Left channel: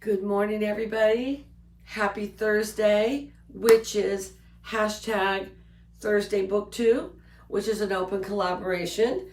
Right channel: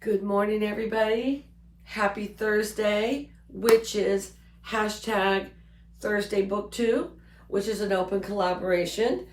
Good morning, everybody. Happy Thursday, which is hashtag Thursday BookTube, which is an open collaboration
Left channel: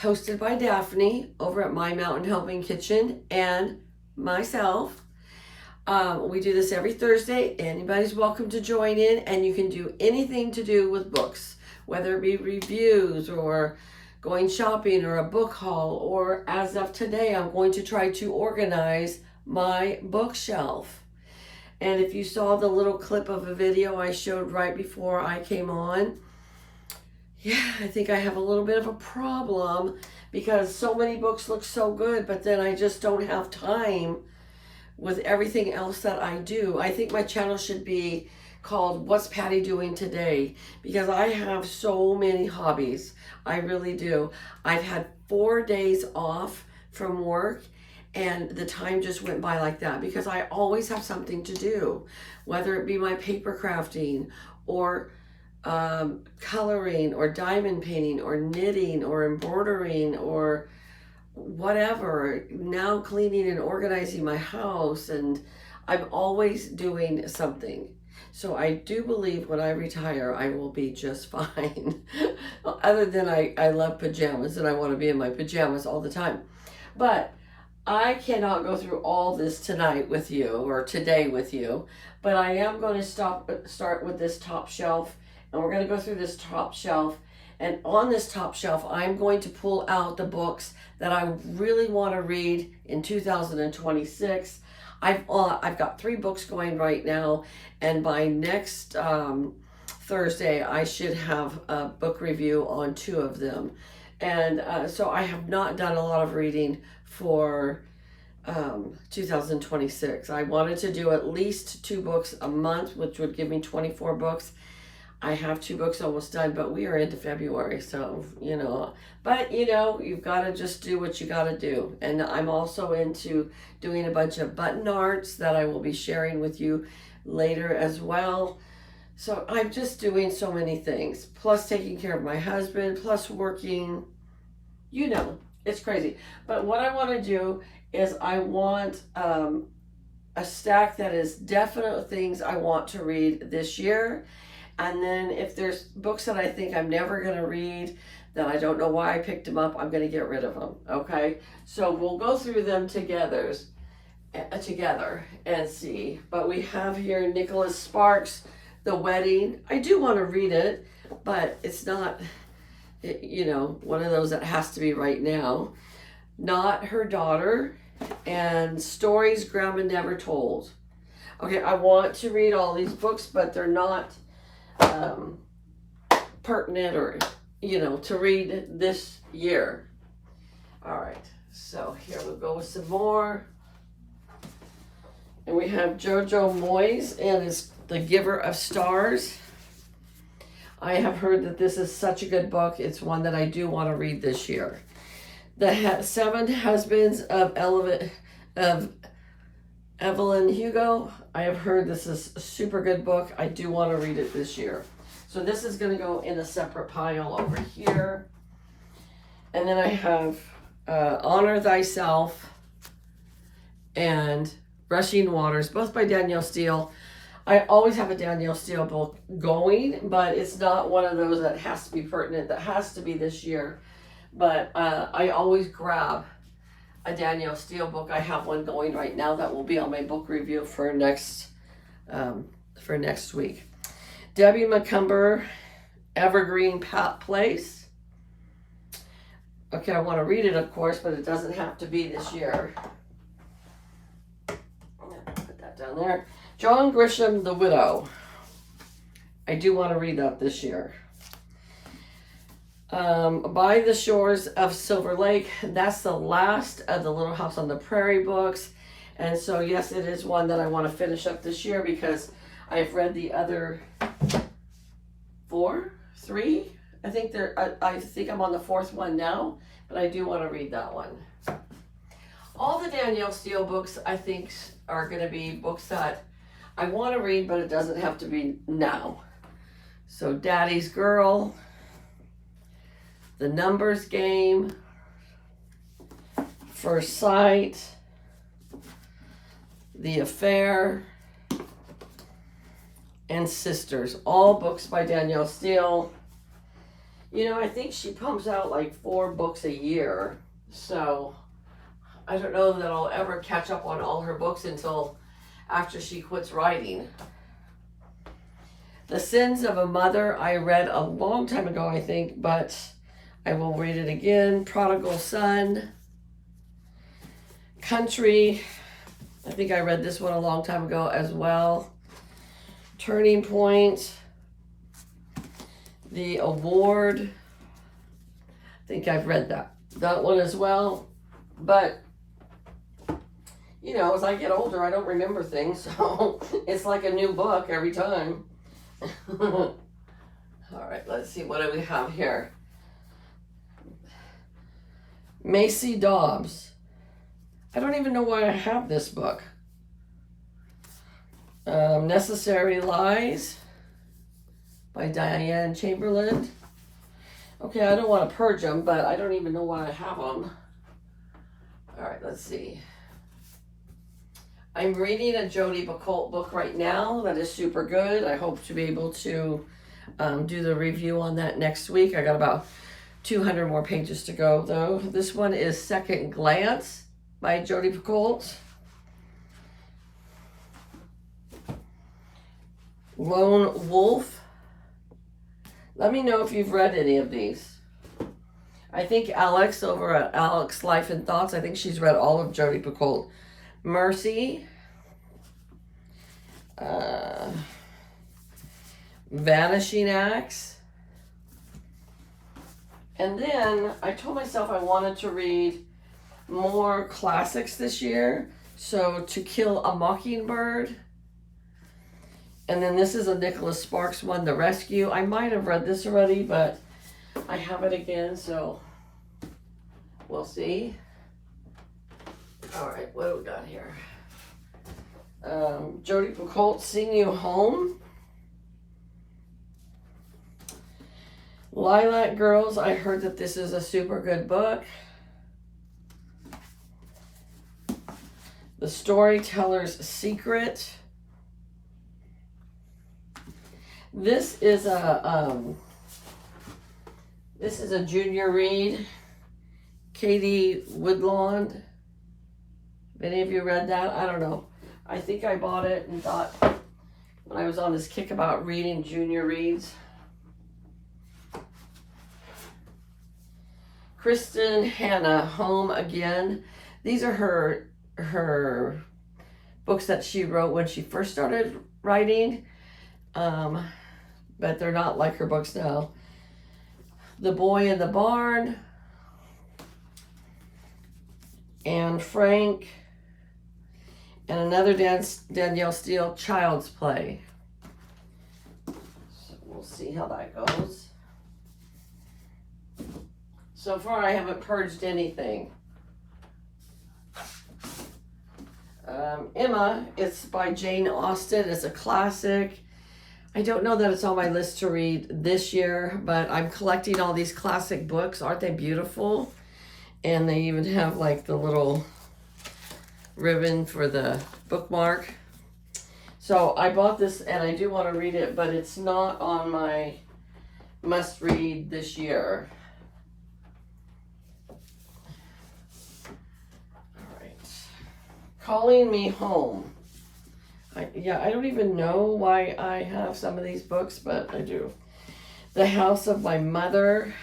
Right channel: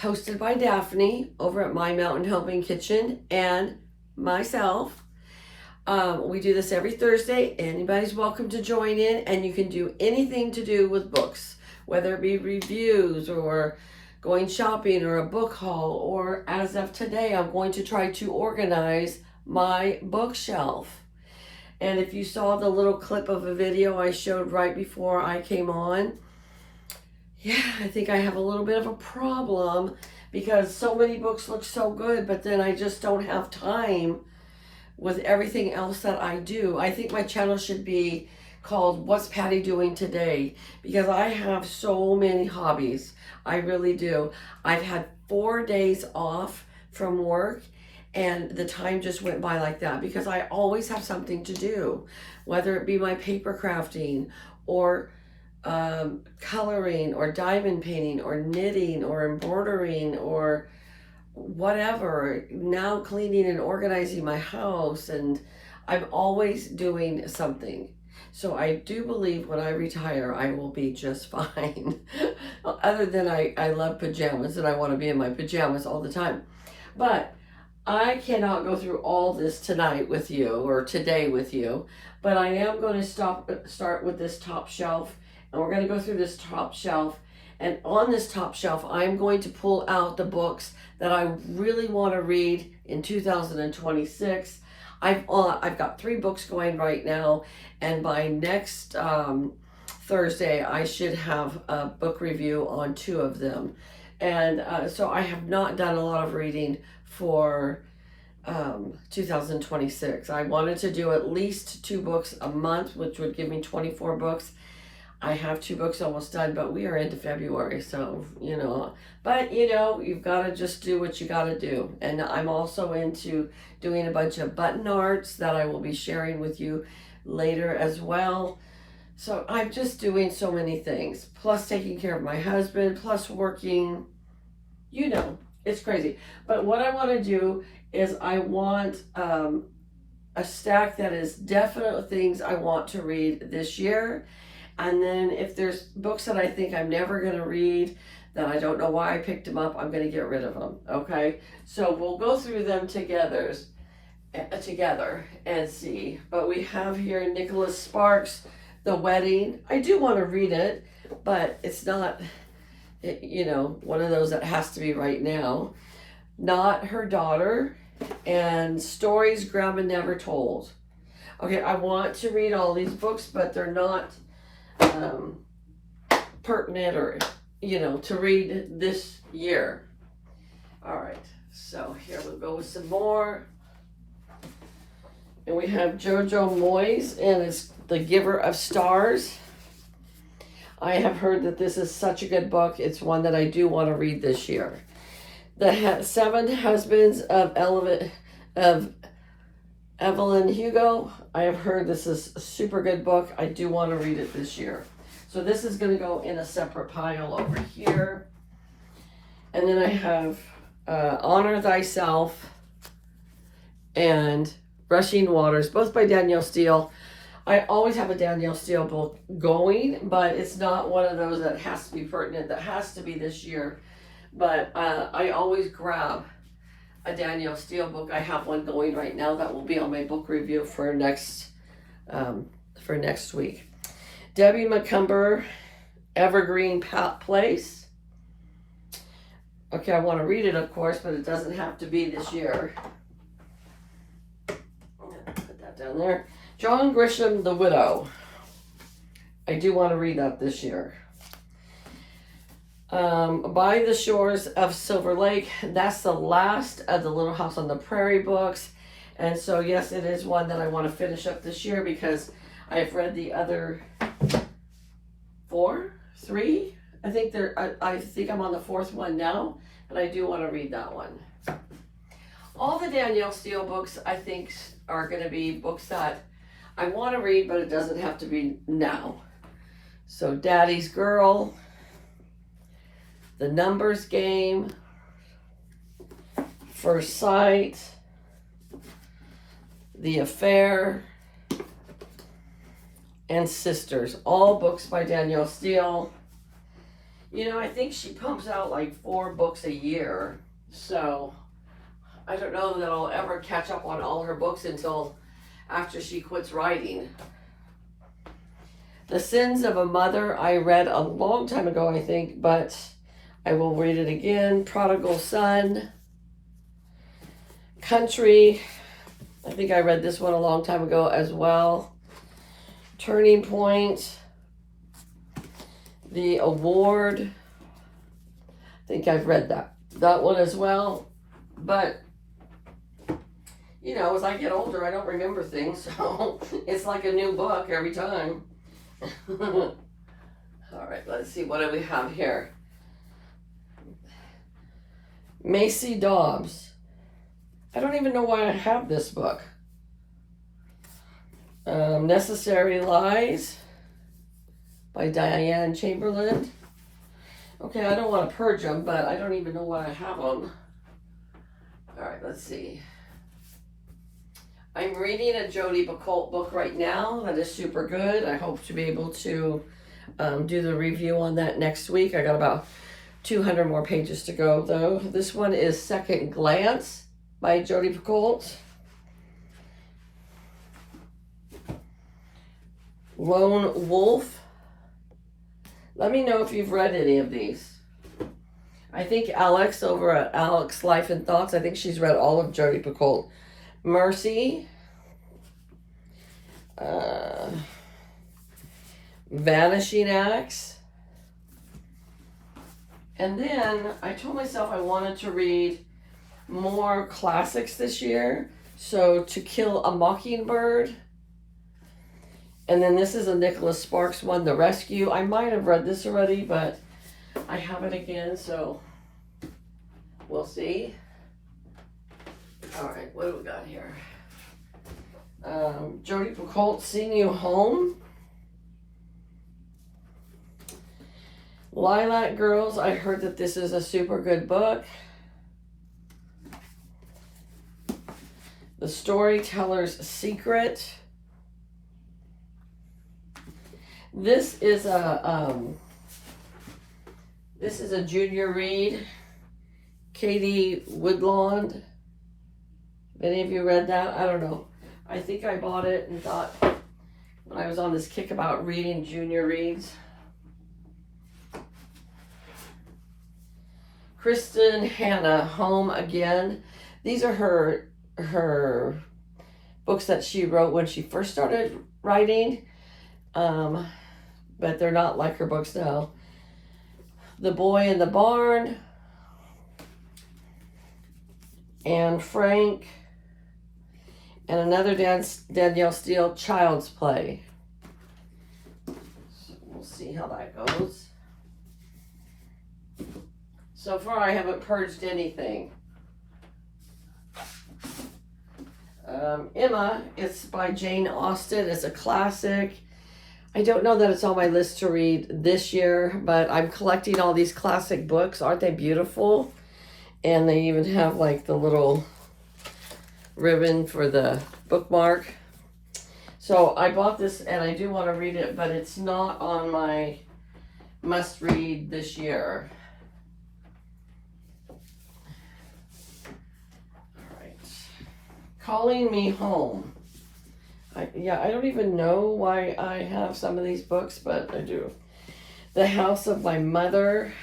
hosted by Daphne over at My Mountain Helping Kitchen and myself. We do this every Thursday. Anybody's welcome to join in, and you can do anything to do with books, whether it be reviews or going shopping or a book haul, or as of today, I'm going to try to organize my bookshelf. And if you saw the little clip of a video I showed right before I came on, I think I have a little bit of a problem because so many books look so good, but then I just don't have time with everything else that I do. I think my channel should be called What's Patty Doing Today, because I have so many hobbies. I really do. I've had 4 days off from work, and the time just went by like that because I always have something to do, whether it be my paper crafting or coloring or diamond painting or knitting or embroidering or whatever, now cleaning and organizing my house, and I'm always doing something. So I do believe when I retire, I will be just fine. Other than I love pajamas and I want to be in my pajamas all the time. But I cannot go through all this tonight with you or today with you, but I am going to start with this top shelf, and we're going to go through this top shelf. And on this top shelf, I'm going to pull out the books that I really want to read in 2026. I've got 3 books going right now, and by next Thursday, I should have a book review on 2 of them. And so I have not done a lot of reading for 2026. I wanted to do at least 2 books a month, which would give me 24 books. I have 2 books almost done, but we are into February, so, but you've got to just do what you got to do. And I'm also into doing a bunch of button arts that I will be sharing with you later as well. So I'm just doing so many things, plus taking care of my husband, plus working, it's crazy. But what I want to do is I want a stack that is definite things I want to read this year. And then if there's books that I think I'm never going to read, that I don't know why I picked them up, I'm going to get rid of them, okay? So we'll go through them together and see. But we have here Nicholas Sparks, The Wedding. I do want to read it, but it's not, one of those that has to be right now. Not Her Daughter, and Stories Grandma Never Told. Okay, I want to read all these books, but they're not pertinent or to read this year. All right, so here we'll go with some more, and we have Jojo Moyes, and it's The Giver of Stars. I have heard that this is such a good book. It's one that I do want to read this year. The 7 Husbands of Evelyn Hugo. I have heard this is a super good book. I do want to read it this year. So this is going to go in a separate pile over here. And then I have Honor Thyself and Rushing Waters, both by Danielle Steele. I always have a Danielle Steele book going, but it's not one of those that has to be pertinent, that has to be this year. But I always grab a Danielle Steele book. I have one going right now that will be on my book review for next week. Debbie Macomber, Evergreen Place. Okay, I want to read it, of course, but it doesn't have to be this year. Put that down there. John Grisham, The Widow. I do want to read that this year. By the Shores of Silver Lake. That's the last of the Little House on the Prairie books. And so, yes, it is one that I want to finish up this year because I've read the other 3. I think I'm on the 4th one now, but I do want to read that one. All the Danielle Steele books, I think, are going to be books that I want to read, but it doesn't have to be now. So, Daddy's Girl, The Numbers Game, First Sight, The Affair, and Sisters. All books by Danielle Steele. You know, I think she pumps out like 4 books a year. So I don't know that I'll ever catch up on all her books until after she quits writing. The Sins of a Mother, I read a long time ago, I think, but I will read it again. Prodigal Son. Country. I think I read this one a long time ago as well. Turning Point. The Award. I think I've read that one as well. But, you know, as I get older, I don't remember things. So it's like a new book every time. All right, let's see. What do we have here? Macy Dobbs. I don't even know why I have this book. Necessary Lies by Diane Chamberlain. Okay, I don't want to purge them, but I don't even know why I have them. All right, let's see. I'm reading a Jodi Picoult book right now that is super good. I hope to be able to do the review on that next week. I got about 200 more pages to go, though. This one is Second Glance by Jodi Picoult. Lone Wolf. Let me know if you've read any of these. I think Alex over at Alex Life and Thoughts, I think she's read all of Jodi Picoult. Mercy. Vanishing Acts. And then I told myself I wanted to read more classics this year. So To Kill a Mockingbird. And then this is a Nicholas Sparks one, The Rescue. I might have read this already, but I have it again, so we'll see. All right, what do we got here? Jodi Picoult, Seeing You Home. Lilac Girls, I heard that this is a super good book. The Storyteller's Secret. This is a junior read. Katie Woodlawn. Have any of you read that? I don't know. I think I bought it and thought when I was on this kick about reading junior reads. Kristen Hanna, Home Again. These are her books that she wrote when she first started writing. But they're not like her books now. The Boy in the Barn. Anne Frank. And another Danielle Steele, Child's Play. So we'll see how that goes. So far I haven't purged anything. Emma, it's by Jane Austen. It's a classic. I don't know that it's on my list to read this year, but I'm collecting all these classic books. Aren't they beautiful? And they even have like the little ribbon for the bookmark. So I bought this and I do want to read it, but it's not on my must read this year. All right. Calling Me Home. I don't even know why I have some of these books, but I do. The House of My Mother.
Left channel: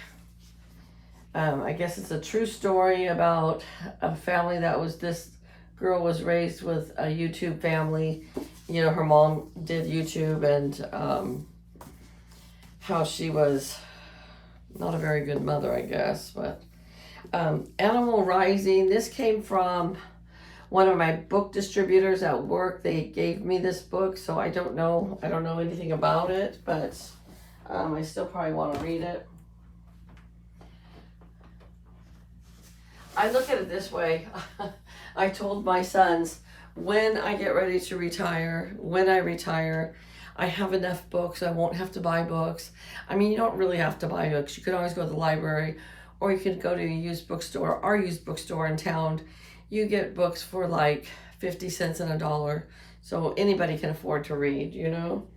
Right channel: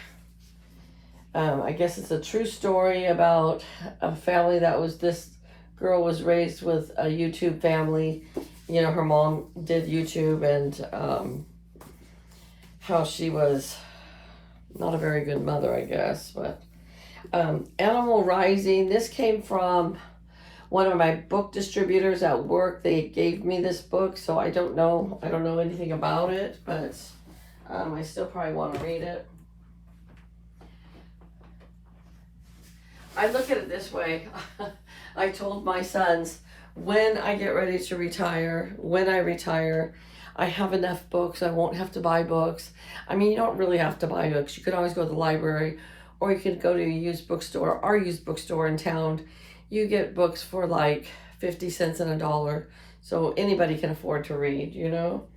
I guess it's a true story about a family that was, this girl was raised with a YouTube family. You know, her mom did YouTube, and how she was not a very good mother, I guess. But Animal Rising. This came from one of my book distributors at work. They gave me this book, so I don't know anything about it, but I still probably want to read it. I look at it this way. I told my sons, when I get ready to retire, when I retire, I have enough books. I won't have to buy books. I mean, you don't really have to buy books. You could always go to the library, or you could go to a used bookstore, our used bookstore in town. You get books for like 50 cents and $1. So anybody can afford to read, you know.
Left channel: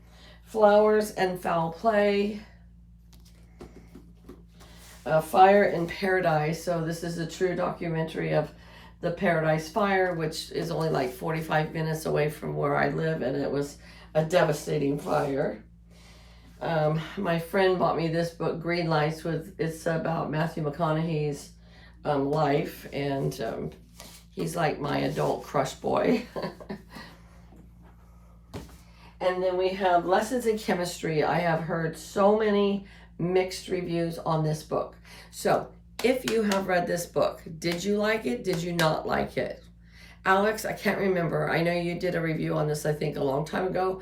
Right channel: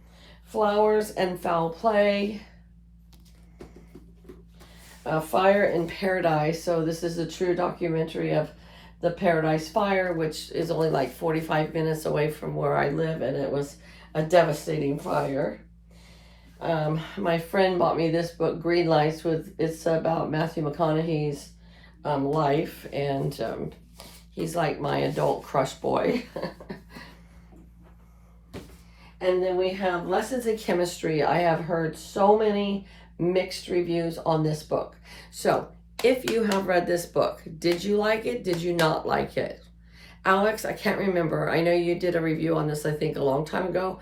Flowers and Foul Play. Fire in Paradise. So this is a true documentary of the Paradise Fire, which is only like 45 minutes away from where I live, and it was a devastating fire. My friend bought me this book, Green Lights, it's about Matthew McConaughey's life, and he's like my adult crush boy. And then we have Lessons in Chemistry. I have heard so many mixed reviews on this book. So if you have read this book, did you like it? Did you not like it? Alex, I can't remember. I know you did a review on this, I think, a long time ago.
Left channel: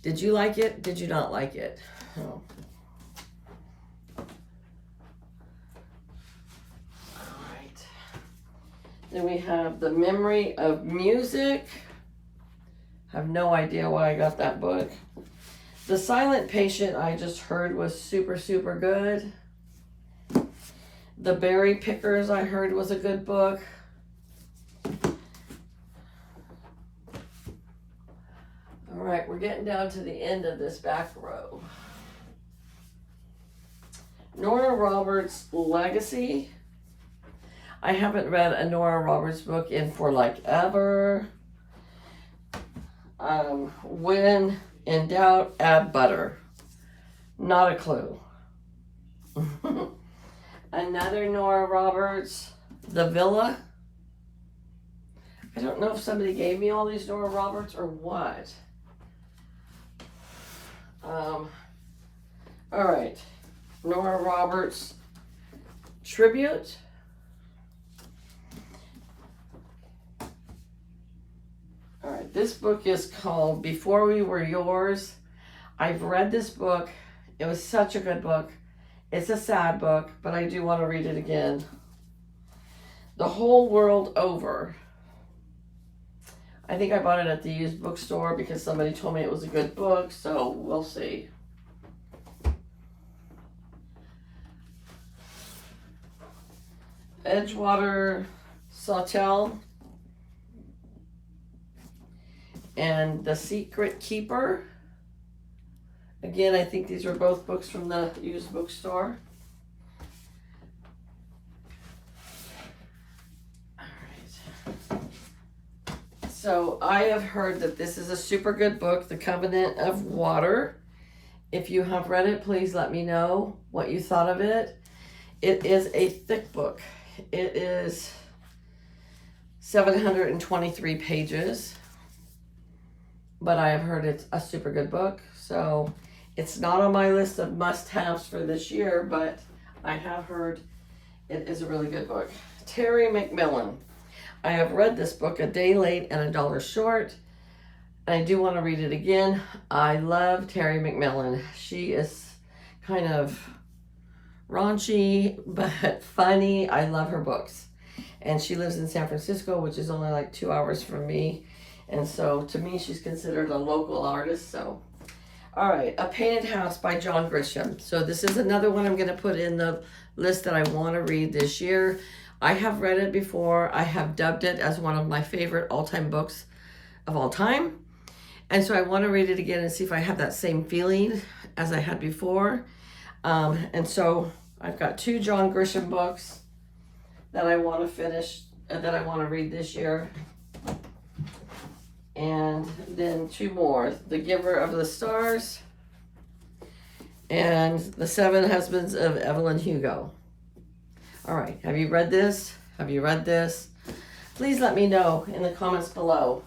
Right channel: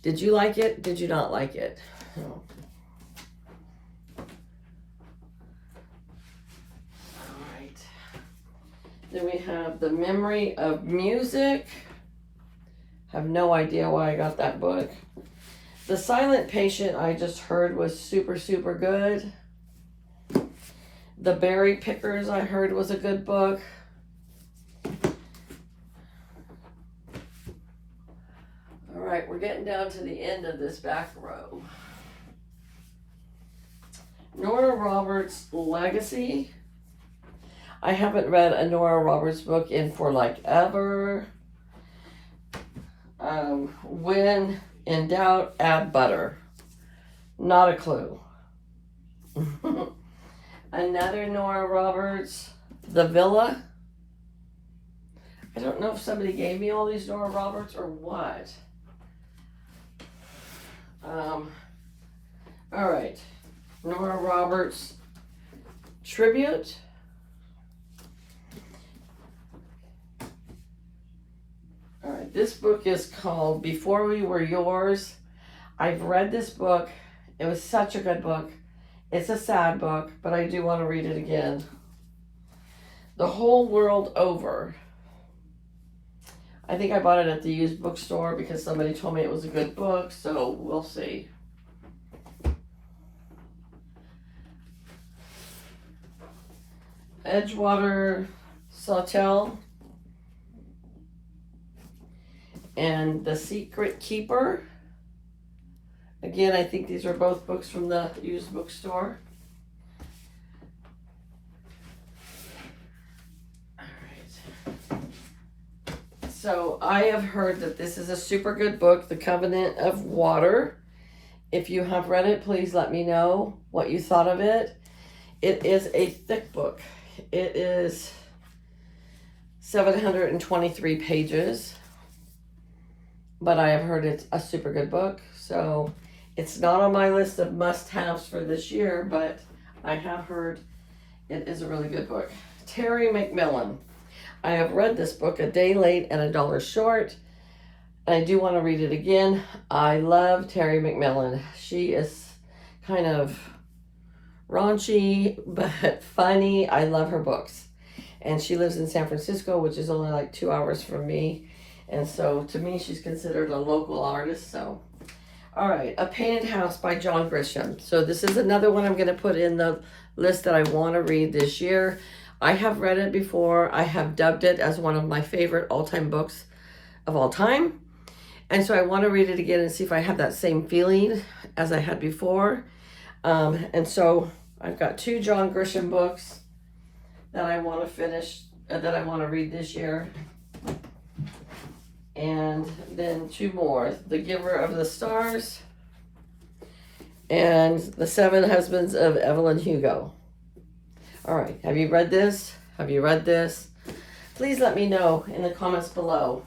Did you like it? Did you not like it? Oh. All right. Then we have The Memory of Music. Have no idea why I got that book. The Silent Patient, I just heard, was super, super good. The Berry Pickers, I heard, was a good book. All right, we're getting down to the end of this back row. Nora Roberts' Legacy. I haven't read a Nora Roberts book in for like ever. When in doubt, add butter. Not a clue. Another Nora Roberts, The Villa. I don't know if somebody gave me all these Nora Roberts or what. All right. Nora Roberts Tribute. All right, this book is called Before We Were Yours. I've read this book. It was such a good book. It's a sad book, but I do want to read it again. The Whole World Over. I think I bought it at the used bookstore because somebody told me it was a good book, so we'll see. Edgewater Sawtelle and The Secret Keeper. Again, I think these were both books from the used bookstore. All right. So I have heard that this is a super good book, The Covenant of Water. If you have read it, please let me know what you thought of it. It is a thick book. It is 723 pages, but I have heard it's a super good book. So it's not on my list of must-haves for this year, but I have heard it is a really good book. Terry McMillan. I have read this book, A Day Late and $1 Short. I do want to read it again. I love Terry McMillan. She is kind of raunchy, but funny. I love her books. And she lives in San Francisco, which is only like 2 hours from me. And so to me, she's considered a local artist. So, all right, A Painted House by John Grisham. So this is another one I'm going to put in the list that I want to read this year. I have read it before. I have dubbed it as one of my favorite all-time books of all time. And so I want to read it again and see if I have that same feeling as I had before. And so I've got 2 John Grisham books that I want to finish, that I want to read this year. And then 2 more, The Giver of the Stars and The 7 Husbands of Evelyn Hugo. All right, have you read this? Have you read this? Please let me know in the comments below.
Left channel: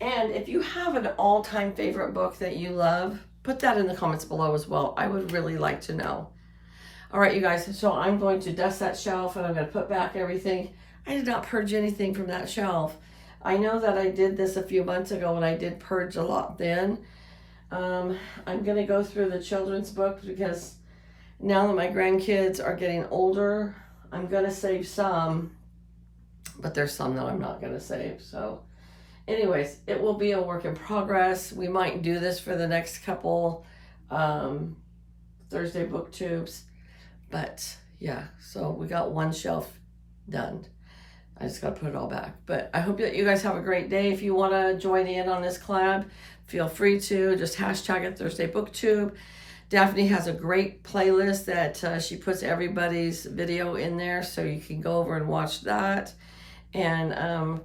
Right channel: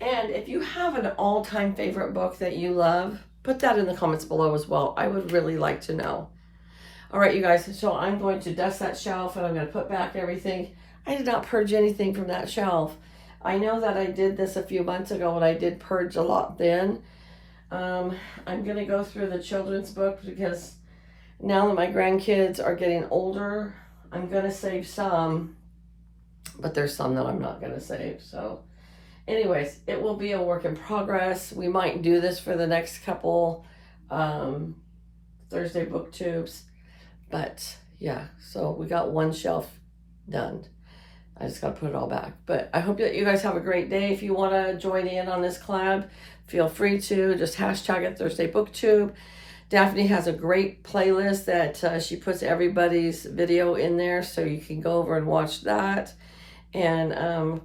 And if you have an all-time favorite book that you love, put that in the comments below as well. I would really like to know. All right, you guys, so I'm going to dust that shelf and I'm going to put back everything. I did not purge anything from that shelf. I know that I did this a few months ago and I did purge a lot then. I'm going to go through the children's books because now that my grandkids are getting older, I'm going to save some, but there's some that I'm not going to save. So anyways, it will be a work in progress. We might do this for the next couple Thursday booktubes. But yeah, so we got one shelf done. I just got to put it all back. But I hope that you guys have a great day. If you want to join in on this collab, feel free to. Just hashtag it Thursday BookTube. Daphne has a great playlist that she puts everybody's video in there, so you can go over and watch that and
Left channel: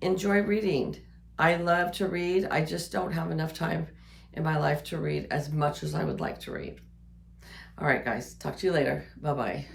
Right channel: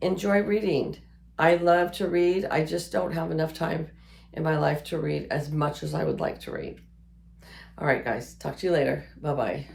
enjoy reading. I love to read. I just don't have enough time in my life to read as much as I would like to read. All right, guys. Talk to you later. Bye-bye.